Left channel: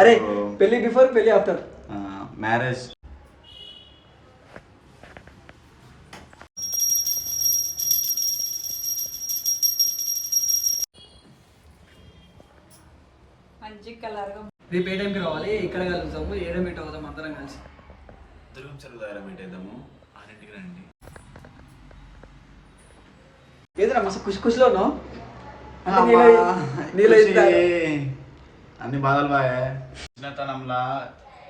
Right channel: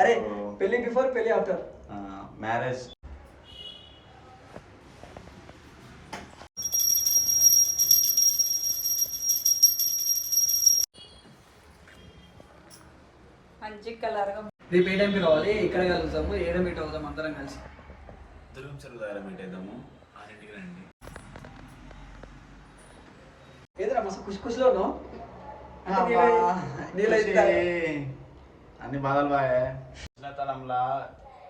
అరే పెళ్లి బిఫోర్ పెళ్లి ఆఫ్టర్ మ్యారేజ్. మంచి కలర్గా. రేపు ఏ టైంకి రావాలి, ఇక్కడ కలుగుతాము, ఏడో మీట్ అవుతాం అందరం కలిసి. దుర్గం చెరువు దగ్గర మీట్ అవుతాము, 6ంటికి రండి. ఏదైనా మస్తు ఖుషి ఖుషిలో ఉన్నావు. అన్ని బాధలు బాగా చిన్నతనంలా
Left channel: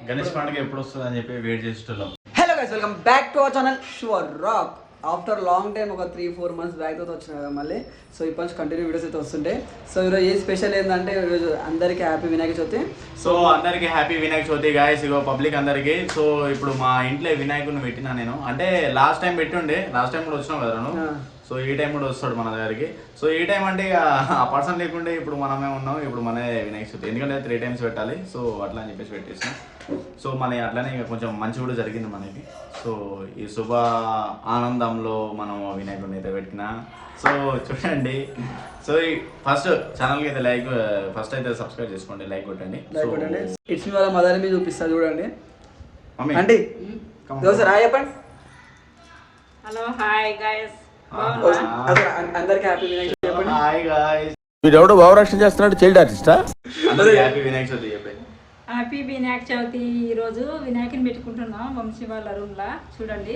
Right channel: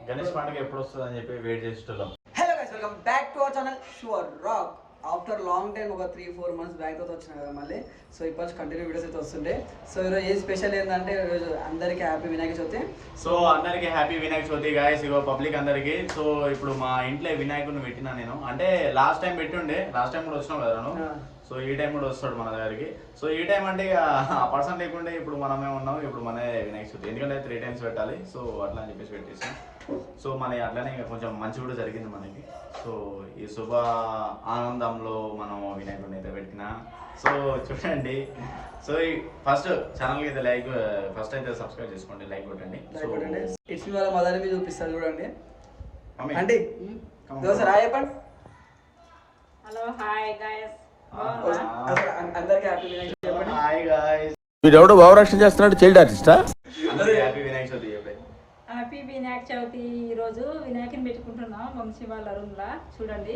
గణేష్ పండుగ ఎప్పుడు వస్తుంది అని చెప్పి వెయిట్ చేస్తున్నాం. Hello guys, welcome back to our channel sure rock. After long time ఒక 3-4 మంత్స్ బ్యాక్ అయితే వచ్చినాయి కదా మళ్ళీ. సో ఇప్పటి నుంచి కంటిన్యూ వీడియోస్ అయితే వస్తుంటాయి. సో ఈరోజు ఏ స్పెషల్ ఏంటంటే ఈరోజు అందరికీ హ్యాపీ వినాయక చవితి. సో అందరికి హ్యాపీ వినాయక చవితి గాయస్. ఇగో పబ్లిక్ అందరికి. సో ఇప్పుడు మా ఇంట్లో వినాయకుడిని పెట్టినా నేను, అంటే లాస్ట్ టైం పెట్టుండే, లాస్ట్ టైం కూడా వచ్చినావు కదా నువ్వు. సో ఈ టైం కూడా వస్తాడు మన దగ్గరికి. సో ఈ టైం అంటే ఆ పర్సన్ లేకుంటే ఇప్పుడు మనమే ఉన్నాం, ఇప్పుడు మన వినాయక చవితి, ఎందుకంటే 3 times పెట్టాలి. సో అట్లా అని చెప్పేసి పెట్టేసాం. సో మన అట్లానే ఇంకా కొంచెం మంచి కూడా జరిగింది మనకి. సో ఈ శుభ ఆనందంలో మనం వినాయకుడిని అయితే పెట్టినా. సో చూడండి. సో ఫస్ట్ ఛానల్కి అయితే లైక్, ఫస్ట్ అయితే సబ్స్క్రైబ్ చేసుకోండి, లైక్ కొట్టండి. సో ఇట్స్ వాళ్ళ మదర్ మీద చూపిస్తాను చూడండి. మమ్మీ అంటే దోశ రా చెప్పండి. హలో హాయ్ గైస్, అందరికి హ్యాపీ వినాయక చవితి చెప్పండి. Hi guys. వీడెవడో భావరక్షణ చేస్తున్నాడు, చైల్డ్ ఆర్టిస్టా? అందరికీ హ్యాపీ వినాయక చవితి చెప్పండి. హ్యాపీ వినాయక చవితి. ఈరోజు వినాయకుని పెట్టుకుంటున్నాం వంశీ వాళ్ళ రూమ్ లా. చూడండి.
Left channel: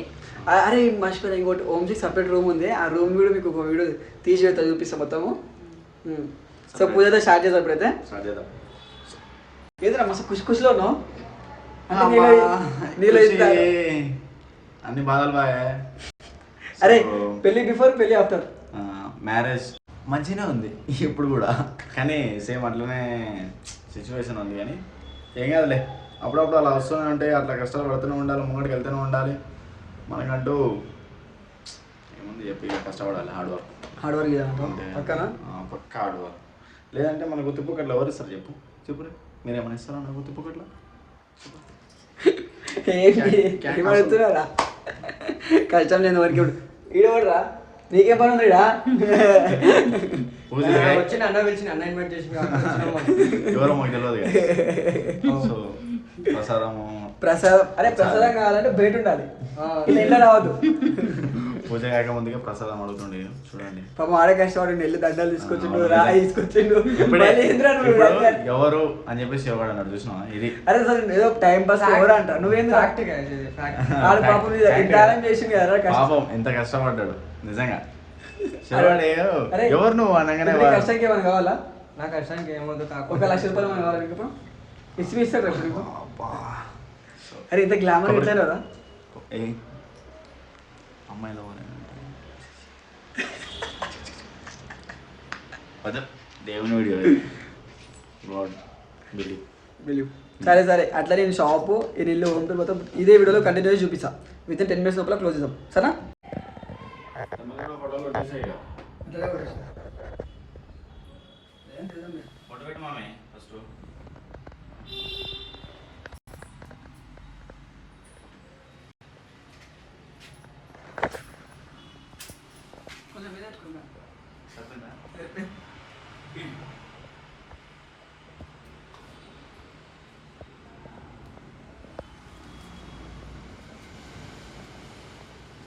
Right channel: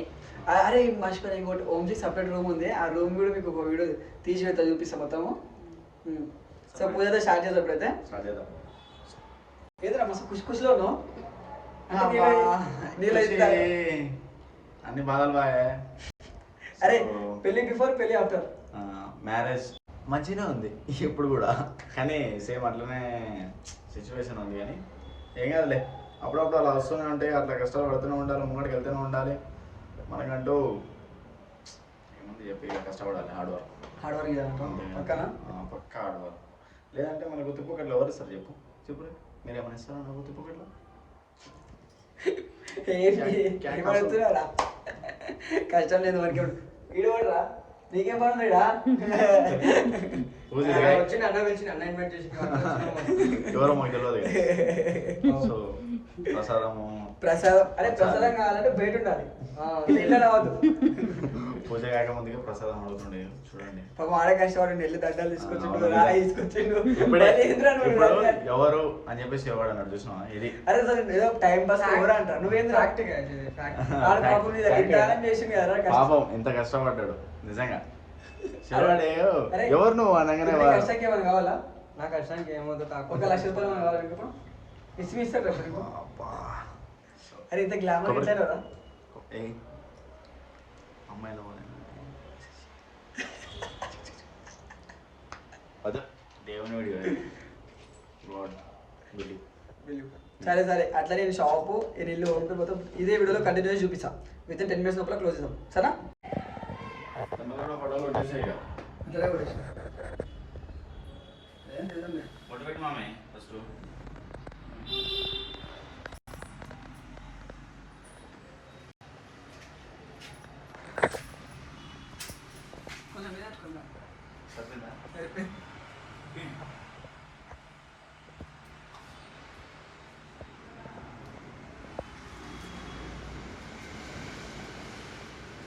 అరే మర్చిపోయిన ఇంకోటి, ఓమ్జీ సపరేట్ రూమ్ ఉంది. ఆ రూమ్ కూడా మీకు ఒక వీడియో తీసి పెడతా, చూపిస్తాం మొత్తము. సో పూజ అయితే స్టార్ట్ చేద్దాం. ఇప్పుడైతే స్టార్ట్ చేద్దాం. ఏదైనా మస్తు ఖుషి ఖుషిలో ఉన్నావు. అన్ని బాధలు బాగా. అరే పెళ్లి బిఫోర్ పెళ్లి ఆఫ్టర్ మ్యారేజ్ మంచిగానే ఉంది ఇప్పుడు కూడా, కానీ సేమ్ అట్లనే సిచ్యువేషన్ ఉంది. కానీ ఏం కాదులే, అప్పుడప్పుడు అలా వస్తూనే ఉంటాయి, అట్లా కష్టాలు పడుతూనే ఉండాలి, ముంగడికి వెళ్తూనే ఉండాలి. మనకంటూ ఏముంది చెప్పి, ఇక కష్టపడాలి, హార్డ్ వర్క్ చేయాలంటే పక్కా హార్డ్ వర్క్. లేదంటే మన గుత్తిపుక్కట్లు ఎవరు ఇస్తారు చెప్పు, చెప్పురే, మీరేమైనా ఇస్తారా మన గుత్తిపుక్కట్లో? కష్టం లేదు వరకు ఈడవడరా, నీకే పని ఉంది. వచ్చి అన్న పిలిచి అన్న ఇన్వైట్ చేసి ఎవరో మాకు తెలియదు. సో ప్రసాదము, ప్రసాదం. అరే ప్రసాదం కావాలంటే బయట ఉండాలి, ఇట్లా రావద్దు. పూజ కాక ముందుగా ప్రసాదం అడుగుతుండే. చూడండి పాపం ఆడే కష్టపడి నెల్లి దండలు తీసుకొచ్చిండు, రాయి తీసుకొచ్చిండు. ఎవరు అని చెప్పేసి ఎవరు అన్నాడు చూసినా. ఇది అరే సార్ ఏదో టైం పాస్ ఎవరు అంట, నువ్వేం పాపం ఎంత కష్టపడ్డాడు నిజంగా. ఎవరు నువ్వు అనగానే కష్టానికి ఏమైనా కావాలా? నా కష్టానికి ఏమవుతుంది, 1 లక్ష రూపాయలు కావాలి ఇస్తారు. అరే ఇంత గ్లామర్ ఇట్లా కదా అమ్మాయిల దేవుని వీడియో. సరే సరే, అట్లా నేను షాపు ఈ ఇల్లు ఉంటుంది మొత్తం ఇదే వీడియోలో కంటిన్యూ చూపిస్తా. విత్ 10 minutes లోపల క్లోజ్ చేద్దాం, సరేనా?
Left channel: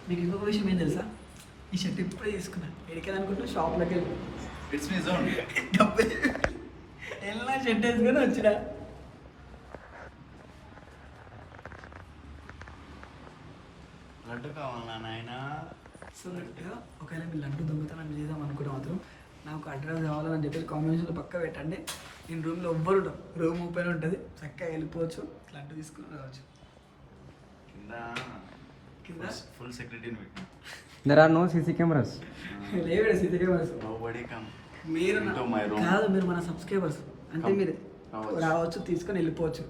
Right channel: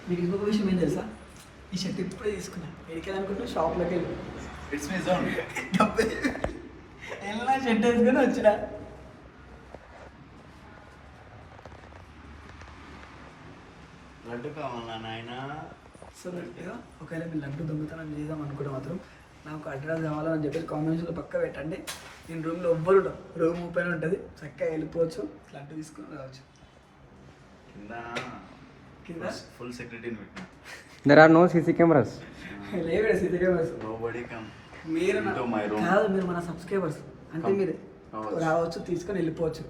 మీకు ఇంకొక విషయం ఏం తెలుసా? ఈ షర్ట్ ఇప్పుడే తీసుకున్నా. ఎడికేది అనుకుంటున్నా, షాప్లోకి వెళ్ళి ఎలా షర్ట్ వేసుకొని వచ్చిన. లడ్డు కావాలా నాయన? సో ఒకవేళ మీరు లడ్డు దొంగతనం చేద్దాం అనుకుంటే మాత్రం నాకు అడ్రస్ కావాలని చెప్పేసి కామెంట్స్లో పక్క పెట్టండి. నేను రూమ్లో ఎవ్వరు ఉంటాం, రూమ్ ఓపెన్ ఉంటుంది, చక్కగా వెళ్ళిపోవచ్చు, లడ్డు తీసుకొని రావచ్చు. కింద ఫుల్ సెక్యూరిటీని పెట్టినా. There are no CC cameras. లేవు సీసీ కెమెరాస్. మీరు కాదు, మీరు మన సబ్స్క్రైబర్స్ అంటే మీరు రావచ్చు, తీసుకొని వెళ్ళిపోవచ్చు.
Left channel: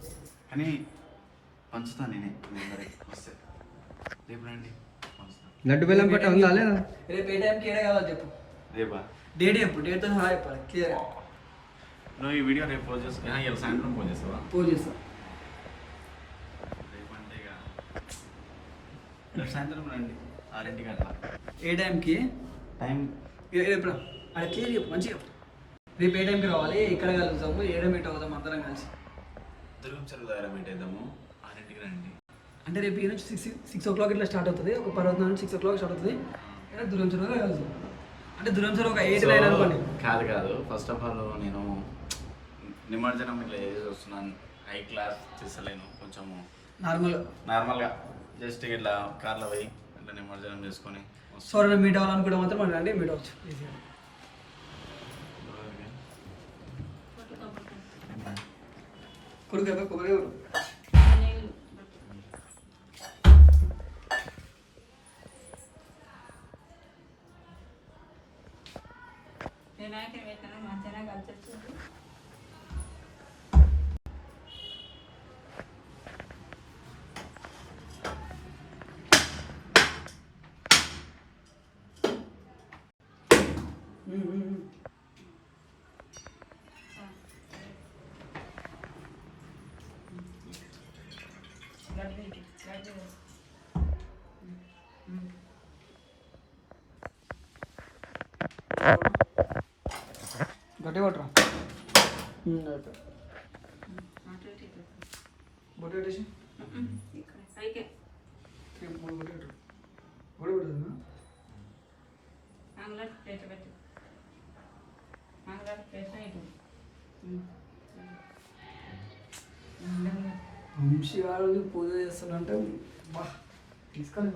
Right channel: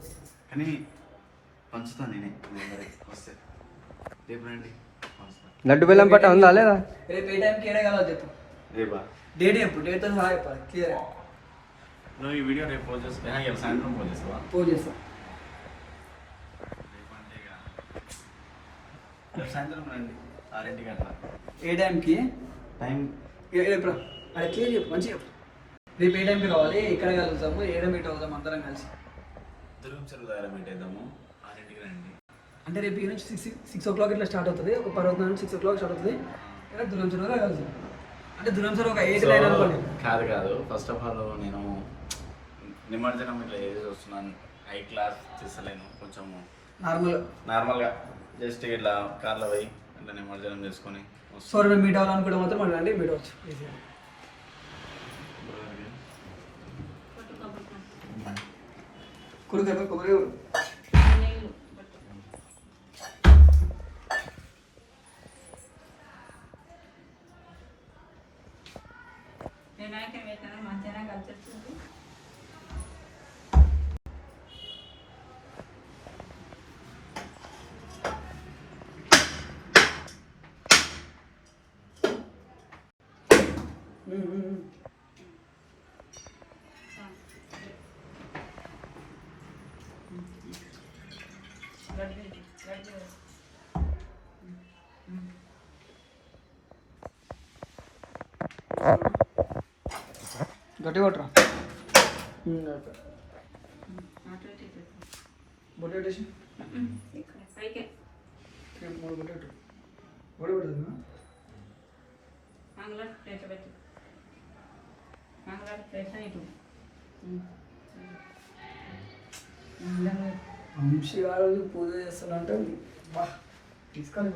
కానీ పంచుతాను నేనే వస్తే. రేపు రండి, లడ్డు బెల్లం పట్ట ఉందా లేదా? రేపు ఏ టైంకి ఏడే కావాలి చెప్పు. రేపా? డేట్ చెప్పు, డేట్తో సహా చెప్పాలి క్లియర్. నువ్వు ఈ వీడియో రేపు పోస్ట్ చేస్తా, సాయంత్రం పోస్ట్ చేస్తావా? పోస్ట్ చేస్తాం సాయంత్రం రండి, 6ంటికి అట్లా. ఏ టైంకి? టైం ఎప్పుడు అది క్లియర్ చెప్పు, మంచిగా చెప్పు. రేపు ఏ టైంకి రావాలి, ఇక్కడ కలుగుతాము, ఏడో మీట్ అవుతాం అందరం కలిసి. దుర్గం చెరువు దగ్గర మీట్ అవుతాము 6ంటికి రండి. అంటే రేపు ఈ నుంచి 6 o'clock ఇట్లా స్టార్ట్ అవుతుంది. ఒక పర్వతం నుంచి 6 o'clock స్టార్ట్ అవుతుంది. దుర్గం చెరువులో కలుసు. అంటే దుర్గం చెరువు ఒక 8 9 అనుకోండి. కాదు ఫస్ట్ ఆఫ్ ఆల్ నేను నిమజ్జనం ఇట్లా ఏది చూస్తున్నాను, హై క్లాస్ చేస్తలేను, కొంచెం నార్మల్గా జస్ట్ ఇట్లా కార్లో పోయి ఇట్లా నిమజ్జనం చేసుకొని సో మీట్ అవ్వాలనుకుంటే మాత్రం మనం రండి, మీట్ అవ్వచ్చు ఈజీగా. కొడుకు కొబ్బరి వినాయకుని పెట్టిన మంచిగా కలిసి గట్టి కొట్టరా బొట్టు పెట్టేసి పైకి 3 బొట్టు పెట్టు. బొట్టు పెట్టదు మంగళ ప్లేట్ పెట్టి మంగళ ప్లేట్ ఇటు వంశీ గారు పూజ చేస్తున్నంటే బా తీసుకొని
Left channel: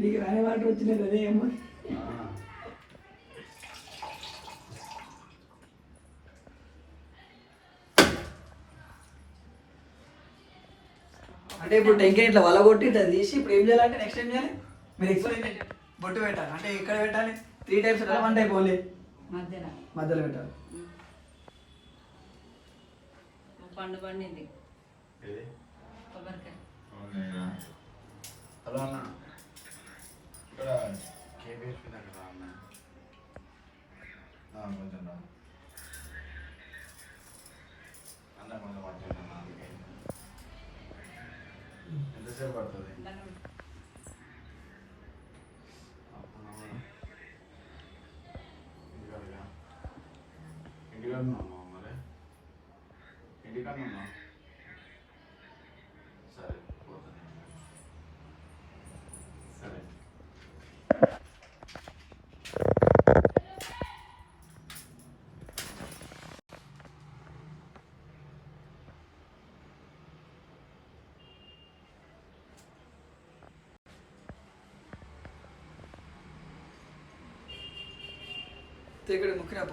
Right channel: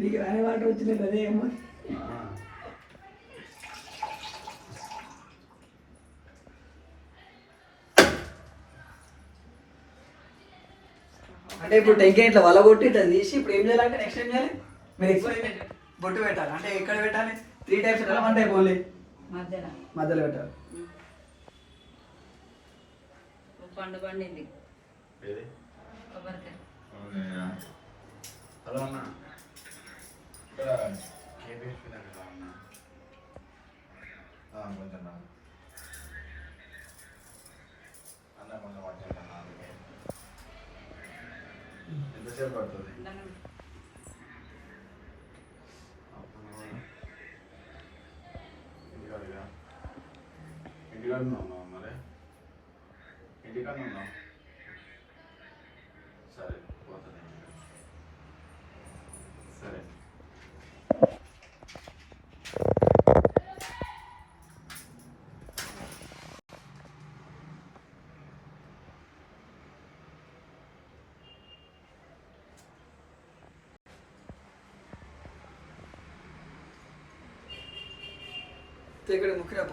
నీకు రాని వాటర్ వచ్చినాయి అదే ఏమో. అంటే ఇప్పుడు టెంకాయ ఇట్లా వల కొట్టి ఇట్లా తీసి ఇప్పుడు ఏం చేయాలంటే నెక్స్ట్ ఏం చేయాలి? మీరు ఎక్కువ బొట్టు పెట్టాలి. అంటే ఎక్కడ పెట్టాలి? 3 types పెట్టాలి, 1 type ఓన్లీ మధ్యలో పెట్టాలి. పండు పండింది కొబ్బరికాయ. హలో అన్న, ఇక్కడ కేబిహెచ్పి దగ్గర అన్న కొంచెం అన్న కొంచెం పట్టుకుంటాను. ఎంతసేపు పడుతుంది? ఇంటికాడ ఉన్నావు మరి? ఇంటికాడ ఉన్నావు? సరే పోతుంది. సరే ఇక్కడ ముఖ్యరాప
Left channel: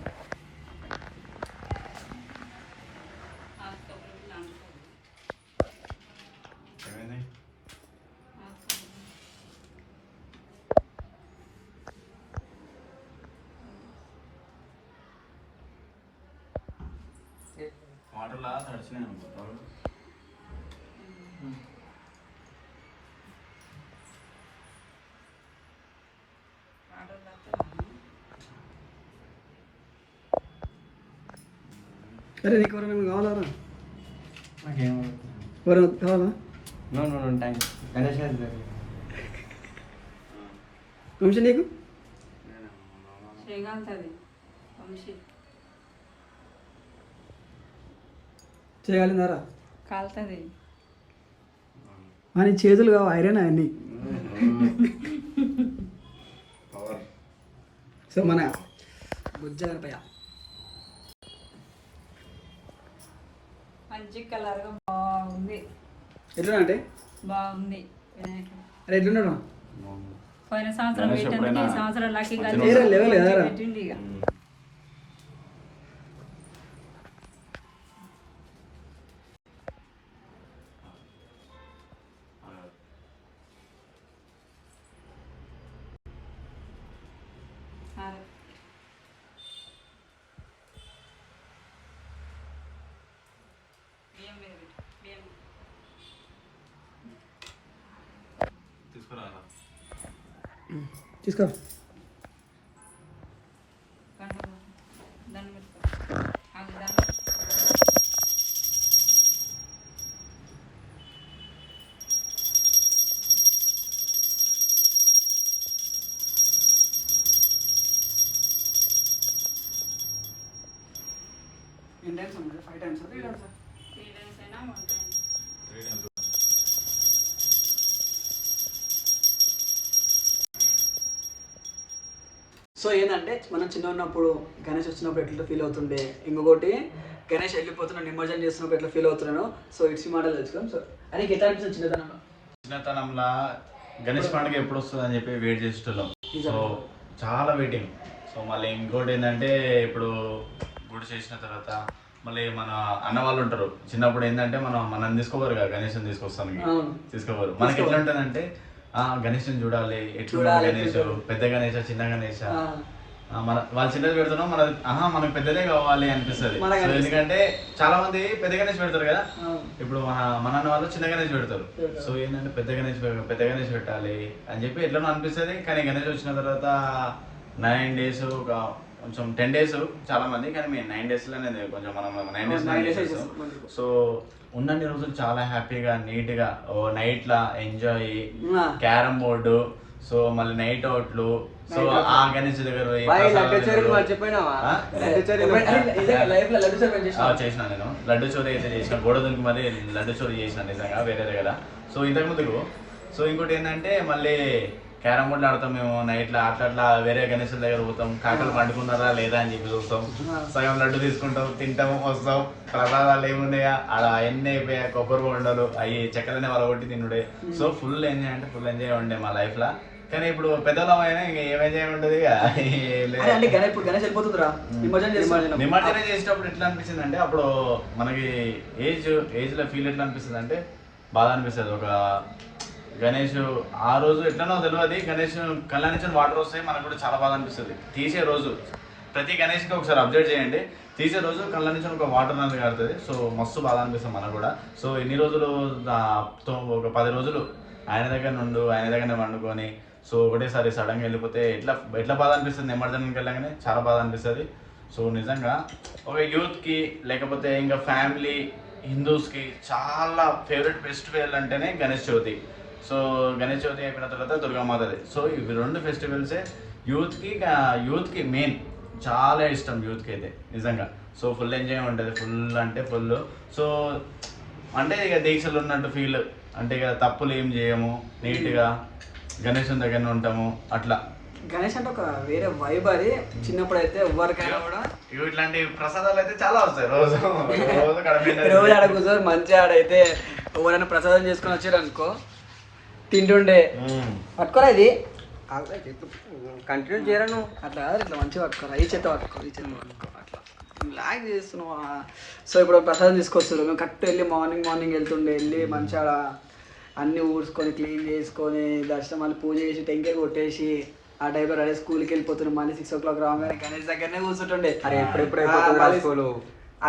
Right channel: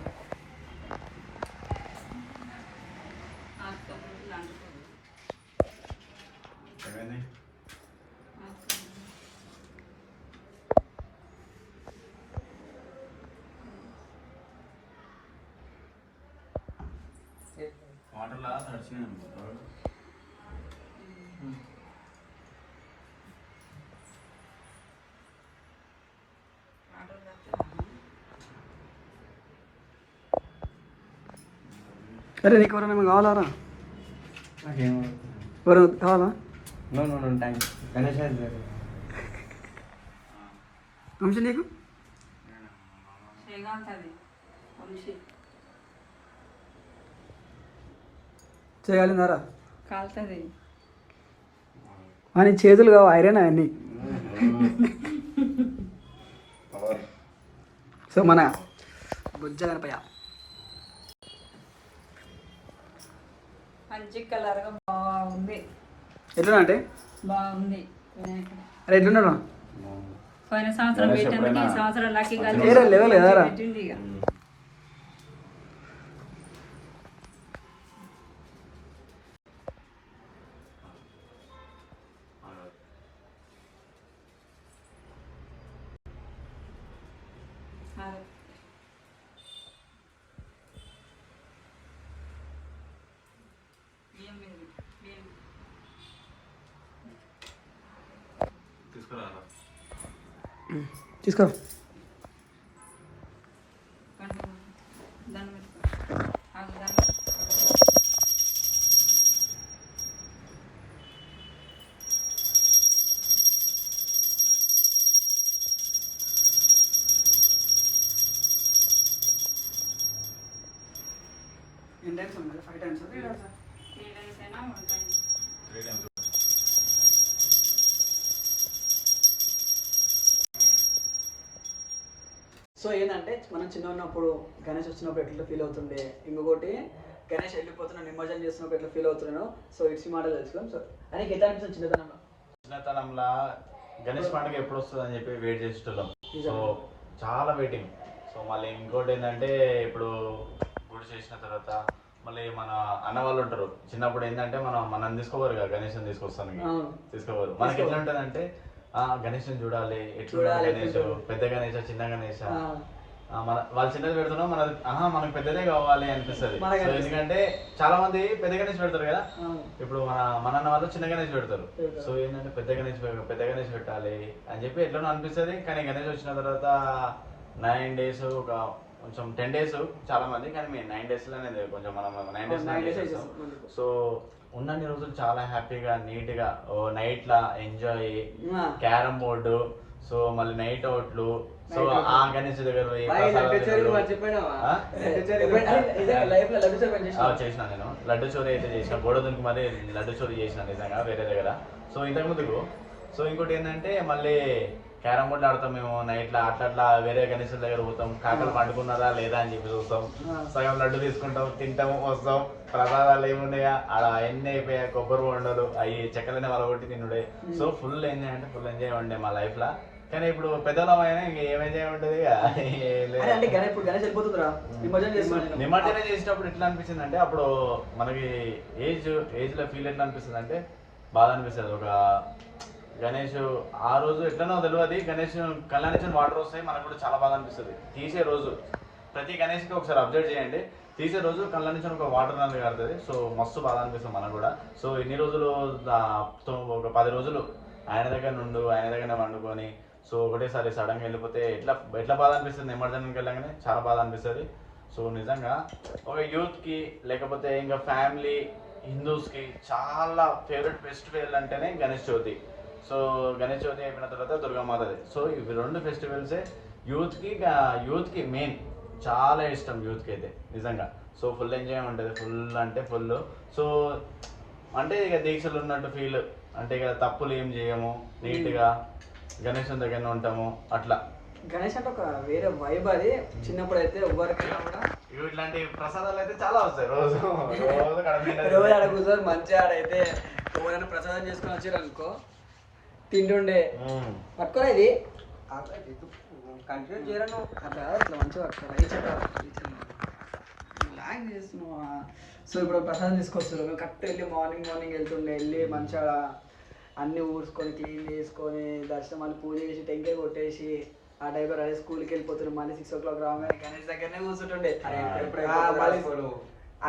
ఏమైంది? వాటర్లా తడిచినాయి అనుకుంటారు. అరే నీకు ఎవరైనా కావాలారా? నాకేం ఎవరు కావాలా? No no no thanks. Ganesh Vamshi నీకు చేయగలిగినారా? కాలుతుంది అని చేతులు కావు ఐరన్ అవన్నీ. సో మన బుజ్జ గణపయ్య మంచి కలర్గా బాగుంది. ఎట్లా అంటే బాగుంది వినాయకుడు. అరే ఎట్లున్నాడు? పోయిన సంవత్సరం పెట్టింది, ఈ సంవత్సరం లక్కీ లెవెల్ లేదారా? పెట్టింది. ఇక తీసుకో. ఎన్ని టైమ్స్ ఉంది? 5 times 3 times? 3 times అయినా 1 time. 3 times. సో ఏంటంటే మనం చిన్న ఉన్నప్పుడు గణేష్ వచ్చినప్పుడు ఎట్లా ఫీల్ అవుతుండే, ఇంకొకటి గణేష్ వెళ్ళిపోతున్నాను నిమజ్జనం చేస్తున్నప్పుడు ఎట్లా ఫీల్ అవుతున్నాను. సో ఇట్స్ మోడల్ తెలుసుకుందాం. సో అని ఎట్లా అనిపిస్తుంది చిన్నతనంలో గణేష్ పండుగ ఎప్పుడు వస్తుంది అని చెప్పి వెయిట్ చేసేటోళ్ళం. సో చాలా వెయిటింగ్. సో మళ్ళీ ఇంకోటి ఏంటంటే ఇప్పుడు గుడి చేసిన తర్వాత మళ్ళీ మన అన్న వాళ్ళు ఉంటారు. చిన్నప్పుడు ఏంటంటే మనం తీసుకోవాలి కదా, గణేష్ తీసుకొస్తాను తీసుకోవాలి. మనకి ఎట్లా ఉంటుందంటే గణేష్ని చూడాలి, ఎట్లా గణేష్, పెద్ద గణేష చిన్న గణేష, మన వాళ్ళు చిన్నది పెడుతున్నాం మనకు పెద్దదే కావాలి అనిపిస్తుంది. ఎందుకంటే చాలా మంది పెద్ద గణేష్ పెడతారు కదా, ఇప్పుడు మన అన్న వాళ్ళు చిన్న గణేష్ పెడతారు. సో ఏంటంటే పెద్ద గణేష్ పెట్టాలి అని చెప్పి ఎట్లా అనిపిస్తుంది. కానీ గణేష్ వచ్చిన తర్వాత 9 days కొంచెం 10 days చాలా మంది, కానీ మేము 9 days లోనే కొంచెం మనం 9 days చేస్తాం. సో ఉన్నన్ని రోజులు చాలా హ్యాపీగా నీట్గా నైట్లా ఎంజాయ్, క్యారమ్ బోర్డు, సో మళ్ళీ నైట్ అవుట్లు, సో ఆ గణేష్ దగ్గర చేసిన నేను లడ్డు చోరీ అయితే చేసిన, గోడ దుంకి మరి లడ్డు చోరీ చేసిన నిజంగా వేరే దగ్గర. సో ఇంతకు ముందుకు సో ఇంకోటి ఏంటంటే మళ్ళీ క్యారమ్ బోర్డు ఆడతాం మేము నైట్లో, అట్లా వేరే గణేషుల దగ్గర పోతాం, కాకలు పండుకున్నారా లేదా అని చెప్పి చూస్తాం, సగం లడ్డు తీసుకుంటాం, తింటాం, వస్తాం. ప్రసాదాలు ఏమున్నాయా ఆడ ఎన్ని అయిపోయా, కొబ్బరి బొండలు అవి చెక్కలనే వాళ్ళ కొట్టి తినుడే. సో ఫుల్ ఎంజాయ్ అంటే ఫుల్ ఎంజాయ్ ఉండే మా లైఫ్ లా. కానీ ఇప్పుడు పెద్దలమైనా ఇంకా ఏం ఎంజాయ్ ఉంటుంది. నిమజ్జనం చేసేటప్పుడు ఎట్లా అనిపిస్తుంది అంటే, అప్పుడు మనకి ఏజ్ లో ఫీల్ ఎట్లా అనిపిస్తుంది అంటే బాధ అనిపిస్తుంది. ఒక గణేష్ ఆ రోజు ఎట్లనో తెలియదు, గణేష్ కళ్ళ నుంచి వాటర్ వస్తాయి, మనకు కూడా చాలా బాధ అనిపిస్తుంది. తీసే రోజు ప్రతి గణేష్కి ఒకసారి అబ్జర్వ్ చేయండి, తీసే రోజు కళ్ళ నుంచి ఒక వాటర్ అనేది కాడుతుంది. సో మస్తు బాధ అనిపిస్తుంది మనకు కూడా. సో ఎన్ని రోజులు ఒక 10 రోజులు ఆయన దగ్గరనే వండుకొని, సో ఒకటేసారి సడన్గా వెళ్ళిపోతే ఎట్లా బాధ అనిపిస్తుంది. నిమజ్జనానికి వెళ్ళగానే చాలా బాధ అనిపిస్తుంది. సో నిజంగా ఒక యూత్కి లేకపోతే ఇంకా ఫ్యామిలీ హిందూస్కి చాలా ఫేవరెట్ ఫెస్టివల్ అంటేనే గణేష్ చవితి. సో గణేష్ చవితి అయిపోయిన తర్వాత దుర్గామాతది. సో ఇవి 2 ఫెస్టివల్సే యూత్కి మెయిన్, చాలా ఇష్టం యూత్కి అయితే నిజంగా. సో ఫుల్ ఎంజాయ్ ఉంటుంది, ఫుల్ అంటే ఫుల్. సో అంటే ఇక దీక్షలు ఉన్నట్టు ఫీల్, అంటే ఇక తప్పులు ఏం చేయము, నీట్గా గణేష్ దగ్గర ఉంటాము. అట్లా గణేష్ అంటే ఒక వేరే వైబ్. అది చిన్నప్పుడు అయితే ఎవరికైనా కూడా ఇట్లాంటి ప్రసాదాలు అయితే చాలా వస్తాయి. రోజు ఆడ కూర్చొని మంచిగా ఆడైతే ఎవరైనా ప్రసాదం చేసుకొని వచ్చారు అనుకో, తింటుండే పట్టుకోరా ఇది కంటిన్యూ చేయను అట్లా ఇట్లా మంచిగా పట్టుకోరా, ఈ చేత పట్టుకోరు, ఈ చేత పట్టుకోరు, అట్లా లాగ్ చేస్తున్నావు. సో ఇప్పుడు ప్రసాదం తీసుకొస్తారు, మేము కరెక్ట్ వెళ్ళి మార్నింగ్ వెళ్తుండే, వెళ్ళి మంచిగా అన్నీ ఊడ్చుకొని క్లీన్ చేసుకొని దర్శనం మళ్ళీ పూజ చేసి టెంకాయ కొట్టేసి ఆ టైంలో రెడీ స్కూల్కి వెళ్ళిపోతున్నాం. మళ్ళీ 6 o'clock రాగానే గణేష్ దగ్గరనే కూర్చుంటుండే.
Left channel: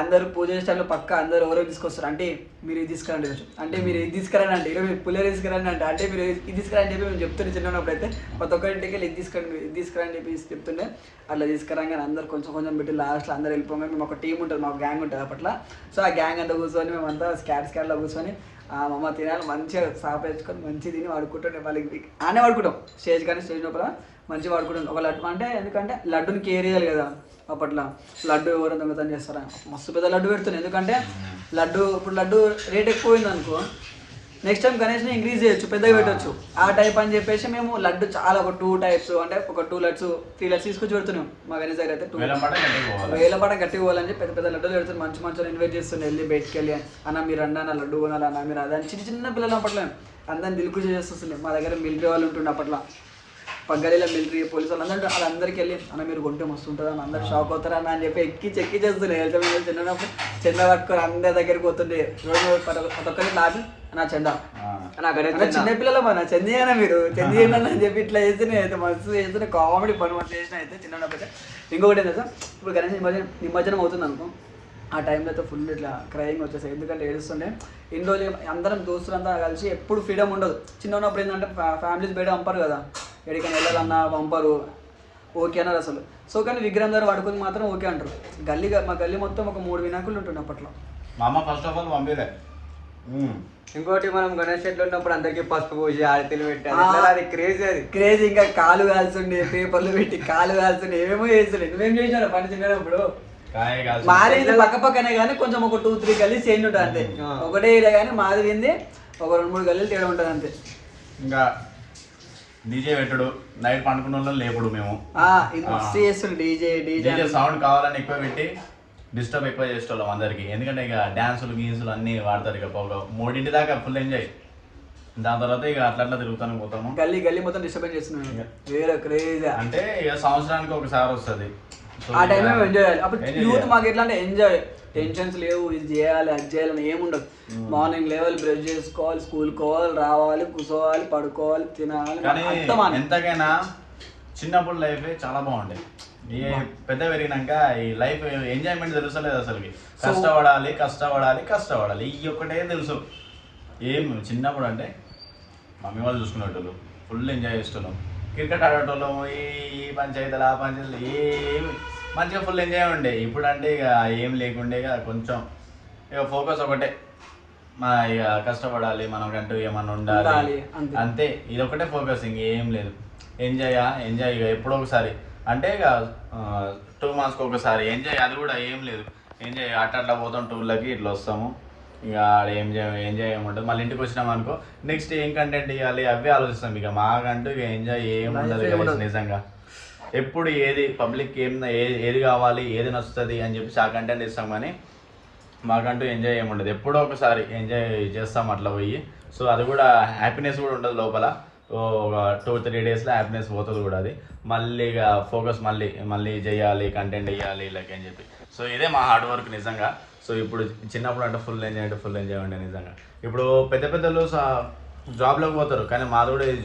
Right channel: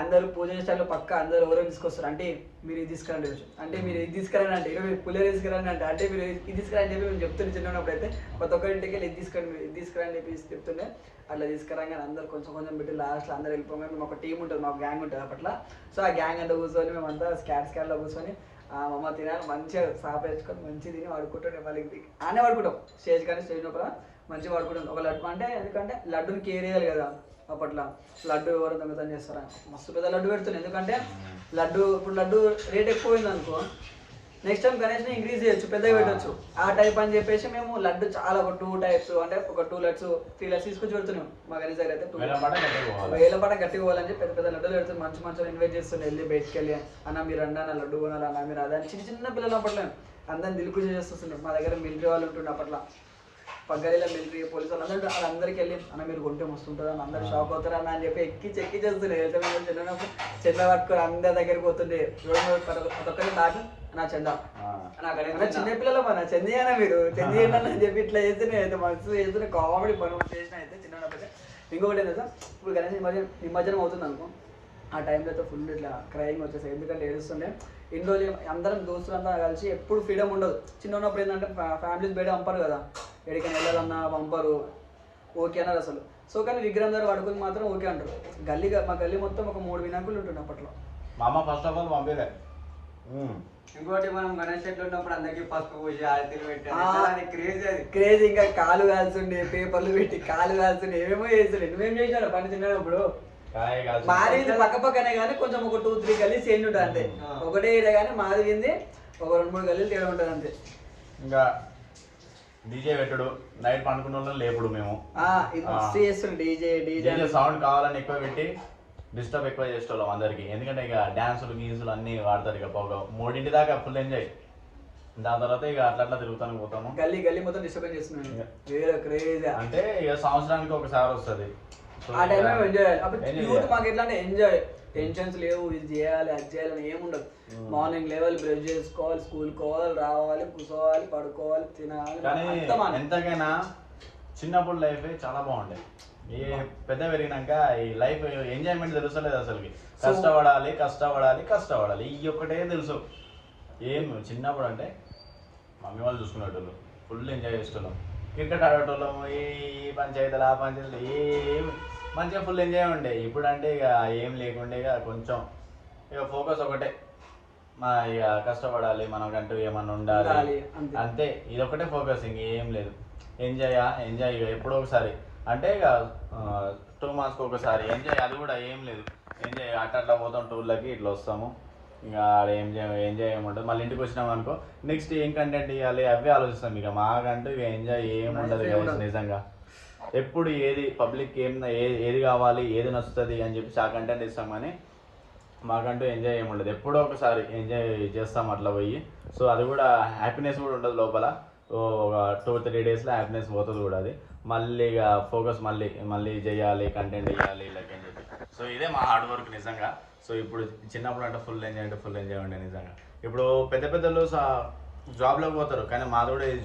అందరూ పూజ చేసేటప్పుడు పక్క అందరూ ఎవరో తీసుకొస్తారు, అంటే మీరు ఇది తీసుకురండి, అంటే మీరు ఇది తీసుకురండి, అంటే మీరు పుల్లేరు తీసుకురండి, అంటే మీరు ఇది తీసుకురండి చెప్పి మేము చెప్తుండే. చిన్నప్పుడు అయితే ప్రతి ఒక్కరింటికి వెళ్ళి ఇది తీసుకురండి చెప్పి చెప్తుండే. అట్లా తీసుకురాగానే అందరు కొంచెం పెట్టి లాస్ట్లో అందరు వెళ్ళిపోగానే మేము ఒక టీం ఉంటుంది, మాకు గ్యాంగ్ ఉంటుంది అప్పట్లో. సో ఆ గ్యాంగ్ అంతా కూర్చొని మేమంతా స్కాట్లో కూర్చొని మమ్మ తినాలి మంచిగా సాప వేసుకొని మంచిగా తిని వాడుకుంటుండే. మళ్ళీ ఆనే వాడుకుంటాం స్టేజ్ కానీ స్టేజ్ లోపల మంచిగా వాడుకుంటాం. ఒక లడ్డు అంటే ఎందుకంటే లడ్డుని కేర్ చేయాలి కదా, అప్పట్లో లడ్డు ఎవరు దొంగతనం చేస్తారా, మస్తు పెద్ద లడ్డు పెడుతున్నాయి. ఎందుకంటే ఇప్పుడు లడ్డు రేట్ ఎక్కువైంది అనుకో, నెక్స్ట్ టైం గణేష్ని ఇంక్రీజ్ చేయొచ్చు, పెద్దగా పెట్టవచ్చు ఆ టైప్ అని చెప్పేసి మేము లడ్డు చాలా ఒక 2 types అంటే ఒక 2 lakhs 3 lakhs తీసుకొచ్చి పెడుతున్నాం. మా గణేష్ దగ్గర అయితే 2 వేలపాట గట్టిగా పోవాలని చెప్పి పెద్ద లడ్డూలు పెడుతున్నాం. మంచి ఇన్వైట్ చేస్తుండే, వెళ్ళి బయటికి వెళ్ళి అన్న మీరు అన్న లడ్డు కొనాలి అన్న మీరు అదని చిన్న పిల్లలు అప్పట్లో అందరిని దిల్కు చేస్తుండే. మా దగ్గర మిలిటరీ వాళ్ళు ఉంటుండే అప్పట్లో, పగ్గలిలో మిలిటరీ పోలీసు వాళ్ళు వాళ్ళందరికీ వెళ్ళి అన్న మీరు కొంటే మస్తుంటుంది అని అందరు షాక్ అవుతారన్న అని చెప్పి చెక్కి చేస్తుండే. చిన్నప్పుడు చెంద పట్టుకొని అందరి దగ్గరికి పోతుండే, ప్రతి ఒక్కరికి లాభం నా చందా చిన్నపిల్లలు మన చెందియనా మీరు చెందియండి అని చెప్పి ఇట్లా చేస్తేనే అయితే మస్తు చేస్తూనే కామెడీ పని మంచి చేసిన అయితే చిన్నప్పుడు. ఇంకొకటి ఏంటంటే ఇప్పుడు గణేష్ నిమజ్జనం అవుతుంది అనుకో, ఆ టైంలో అయితే ఫుల్ ఇట్లా క్రయింగ్ వచ్చేసాయి. ఎందుకంటే ఏడుస్తుండే ఇన్ని రోజులు అందరం దోస్తులంతా కలిసి ఎప్పుడు ఫ్రీడమ్ ఉండదు. చిన్న ఉన్నప్పుడు ఏంటంటే ఫ్యామిలీస్ బయట పంపరు కదా, ఎక్కడికైనా వెళ్ళాలన్నా పంపరు, ఓకే అన్నారు అసలు. సో కానీ విగ్రహం ద్వారా పడుకొని మాత్రం ఓకే అంటారు. మా గల్లీ మొత్తం ఒక 3 వినాయకులు ఉంటుండే అప్పట్లో. మా అమ్మ ఫస్ట్ ఆఫ్ ఆల్ పంపిలే. ఇంకోటి మనం గణేష్ చెట్లు ఉన్నప్పుడు అందరికి పసుపు పూసి ఆరతిని పెట్టాలి, క్రేజ్. ఇంకా కాలు కాల్చుండే, పేపర్లు పెట్టి కాలు కాల్చుండే, ఏమేమో చేస్తుండే. నువ్వేం చేసినావు పని చిన్నప్పుడు? కాయ కాల్చి మాది వింది పక్క పక్కనే కానీ కొంచెం ఒక 2-3 గల్లీస్ చేంజ్ ఉంటుంది అంతే. ఒకటే ఏరియా కానీ మాది వింది ఒక 2-3 గల్లీలు తేడా ఉంటుంది అంతే. ఇంకా డీజే పెట్టుడు, నైట్ పండుకున్న వాళ్ళని లేపుడు మేము. ఇది మస్తు చేస్తుంది డీజే సౌండ్ కావాలని ఎక్కువ పెట్టి డిస్టర్బ్ ఎక్కువ చేసేవాళ్ళం అందరికి. ఎందుకంటే ఇక డ్యాన్సులు గీన్సులు అన్ని వాడతారు. ఇక 3 దాకా ఫుల్ ఎంజాయ్. దాని తర్వాత ఇక అట్లా తిరుగుతాను పోతాము. గల్లీ మొత్తం డిస్టర్బ్ చేస్తున్నాను. వేరే క్రేజ్ అంటే ఇక సంవత్సరానికి ఒకసారి వస్తుంది. ఆ టైంలో ఎంజాయ్ చేయాలి. అప్పుడు యూత్ మాకు ఎట్లా అంటే ఎంజాయ్, టెన్షన్స్ లేవు, ఇది చేయాలి అది చేయాలని ఏముండదు. మార్నింగ్ లెవెల్ బ్రష్ చేసుకోవాలి, స్కూల్ కోవాలి, రావాలి, కూర్చోవాలి, పడుకోవాలి, తినాలి. కానీ ఎంతకైనా చిన్నప్పుడు లైఫ్ చాలా బాగుండేది. ఈ పెద్ద పెరిగినాక ఈ లైఫ్ ఎంజాయ్మెంట్ తెలుసలేదు అసలుకి. కష్టపడాలి ఈ ఒక్కటే తెలుసు. ఏం చిన్నప్పుడు అంటే మమ్మీ వాళ్ళు చూసుకునేటోళ్ళు, ఫుల్ ఎంజాయ్ చేస్తున్నాం. క్రికెట్ ఆడేటోళ్ళము, ఈ పంచాయతీలు ఆ పంచాయతీలు ఏమి మంచిగా ఫుల్ ఎంజాయ్ ఉండే. ఇప్పుడు అంటే ఇక ఏం లేకుండే, ఇక కొంచెం ఇక ఫోకస్ ఒకటే, మా ఇక కష్టపడాలి, మనకంటూ ఏమన్నా ఉండాలి అంతే. ఇది ఒకటే ఫోకస్, ఇంకేం లేదు. ఎంజాయ్ ఇక ఎప్పుడో ఒకసారి అంటే ఇక 2 monthsకి ఒకసారి ఎంజాయ్. అది కూడా ఏం లేదు. ఎంజాయ్ అట్లా పోతాం టూర్లకి, ఇట్లా వస్తాము. ఇక ఎంజాయ్ ఏముంటుంది. మళ్ళీ ఇంటికి వచ్చినాం అనుకో, నెక్స్ట్ ఏం కంటెంట్ ఇవ్వాలి అవే ఆలోచిస్తాం. ఇక మాకంటూ ఇక ఎంజాయ్ ఏముండదు నిజంగా. ఎప్పుడు ఏది పబ్లిక్ ఏది కావాలి, ఏది నచ్చుతుంది అని చెప్పేసి ఆ కంటెంట్ ఇస్తాం. కానీ మాకంటూ ఎంజాయ్ ఏముండదు. ఎప్పుడో ఒకసారి ఎంజాయ్ చేస్తాం అట్లా పోయి. సో అది కూడా హ్యాపీనెస్ కూడా ఉంటుంది లోపల. ఒక 2-3 డేస్లో హ్యాపీనెస్ పోతుంది కూడా. అది మళ్ళీ ఇక ఫోకస్ మళ్ళీ చేయాలి, కంటెంట్ వేయాలి ఇలాగ అని చెప్పి. సో ఇదే మా హార్డ్ వర్క్ నిజంగా. సో ఇప్పుడు చిన్నప్పుడు అంటే ఫుల్ ఎంజాయ్ ఉండే నిజంగా. ఇప్పుడు పెద్దలు జాబ్లోకి పోతారు, కానీ మాది కూడా ఇది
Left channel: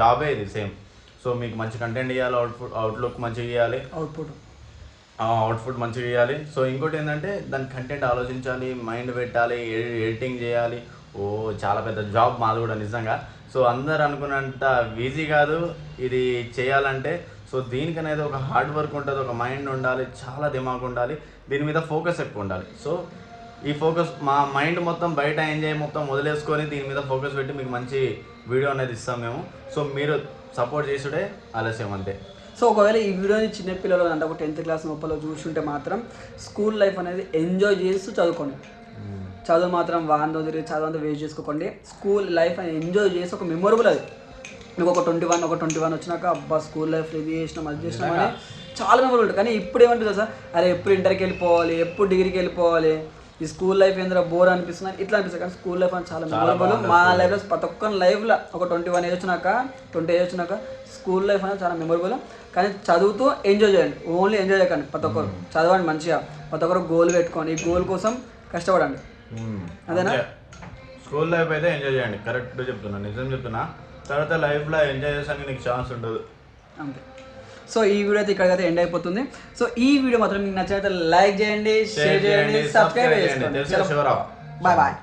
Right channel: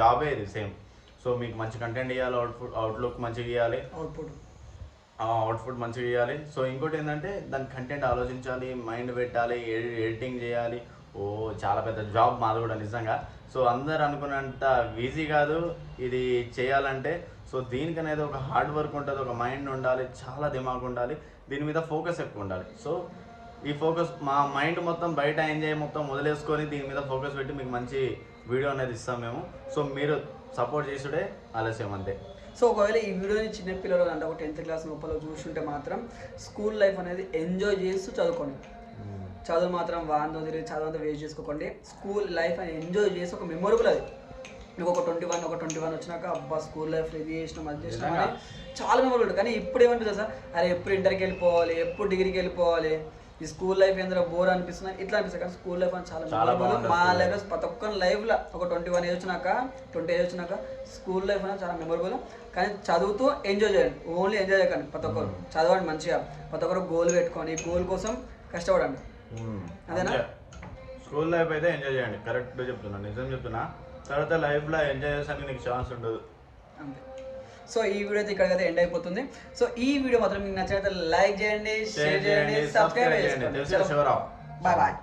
జాబే ఇది సేమ్. సో మీకు మంచి కంటెంట్ ఇవ్వాలి, అవుట్లుక్ మంచిగా ఇవ్వాలి, అవుట్పుట్ మంచిగా ఇవ్వాలి. సో ఇంకోటి ఏంటంటే దాని కంటెంట్ ఆలోచించాలి, మైండ్ పెట్టాలి, ఎడిటింగ్ చేయాలి. చాలా పెద్ద జాబ్ మాది కూడా నిజంగా. సో అందరు అనుకున్నంత ఈజీ కాదు ఇది చేయాలంటే. సో దీనికనేది ఒక హార్డ్ వర్క్ ఉంటుంది, ఒక మైండ్ ఉండాలి, చాలా దిమాగ్ ఉండాలి, దీని మీద ఫోకస్ ఎక్కువ ఉండాలి. సో ఈ ఫోకస్ మా మైండ్ మొత్తం బయట ఎంజాయ్ మొత్తం వదిలేసుకొని దీని మీద ఫోకస్ పెట్టి మీకు మంచి వీడియో అనేది ఇస్తాం మేము. సో మీరు సపోర్ట్ చేసుడే ఆలస్యం అంతే. సో ఒకవేళ ఈ వీడియోని చిన్నపిల్లలు అంటే ఒక 10th క్లాస్ లోపల చూస్తుంటే మాత్రం స్కూల్ లైఫ్ అనేది ఎంజాయ్ చేస్తూ చదువుకోండి. చదువు మాత్రం వారంతో తిరిగి చదువు వేస్ట్ చేసుకోకండి. స్కూల్ లైఫ్ అనేది ఎంజాయ్ చేసి ఒక మెమొరబుల్. అది మీకు ఒక 21 వచ్చినాక అబ్బా స్కూల్ లైఫ్ ఇది చేసినాం అది చేసినాం అని చాలా మెమొరబుల్ ఉంటుంది. కానీ ఇప్పుడు ఏమంటుంది సార్, అరే ఎప్పుడు ఇంటర్కి వెళ్ళిపోవాలి, ఎప్పుడు డిగ్రీకి వెళ్ళిపోవాలి, ఈ స్కూల్ లైఫ్ ఏంద్రా బోర్ అనిపిస్తుంది ఇట్లా అనిపిస్తుంది. కానీ స్కూల్ లైఫ్ అని చాలా మెమొరబుల్. మా లైఫ్లో ప్రతి ఒక్క లైఫ్లో ఒక 21 ఏజ్ వచ్చినాక 20 ఏజ్ వచ్చినాక స్కూల్ లైఫ్ అనేది చాలా మెమొరబుల్. కానీ చదువుతూ ఎంజాయ్ చేయండి, ఓన్లీ ఎంజాయ్ చేయకండి. ప్రతి ఒక్కరు చదవండి మంచిగా, ప్రతి ఒక్కరు గోల్ పెట్టుకోండి, ఈ గోల్ కోసం కష్టపడండి. అదేనా? స్కూల్ లైఫ్ అయితే ఎంజాయ్ చేయండి, కరెక్ట్ చెప్తున్నా, నిజం చెప్తున్నా. తర్వాత లైఫ్లో ఎంజాయ్ చేసానికి నీకు ఛాన్స్ ఉండదు అంతే. సో ఈ వీడియో అయితే ఇక్కడికైతే ఎండ్ అయిపోతుంది. సో ఈ వీడియో మాత్రం మీకు నచ్చినట్లయితే లైక్ చేయండి, షేర్ చేయండి, సబ్స్క్రైబ్ చేయండి. Bye bye.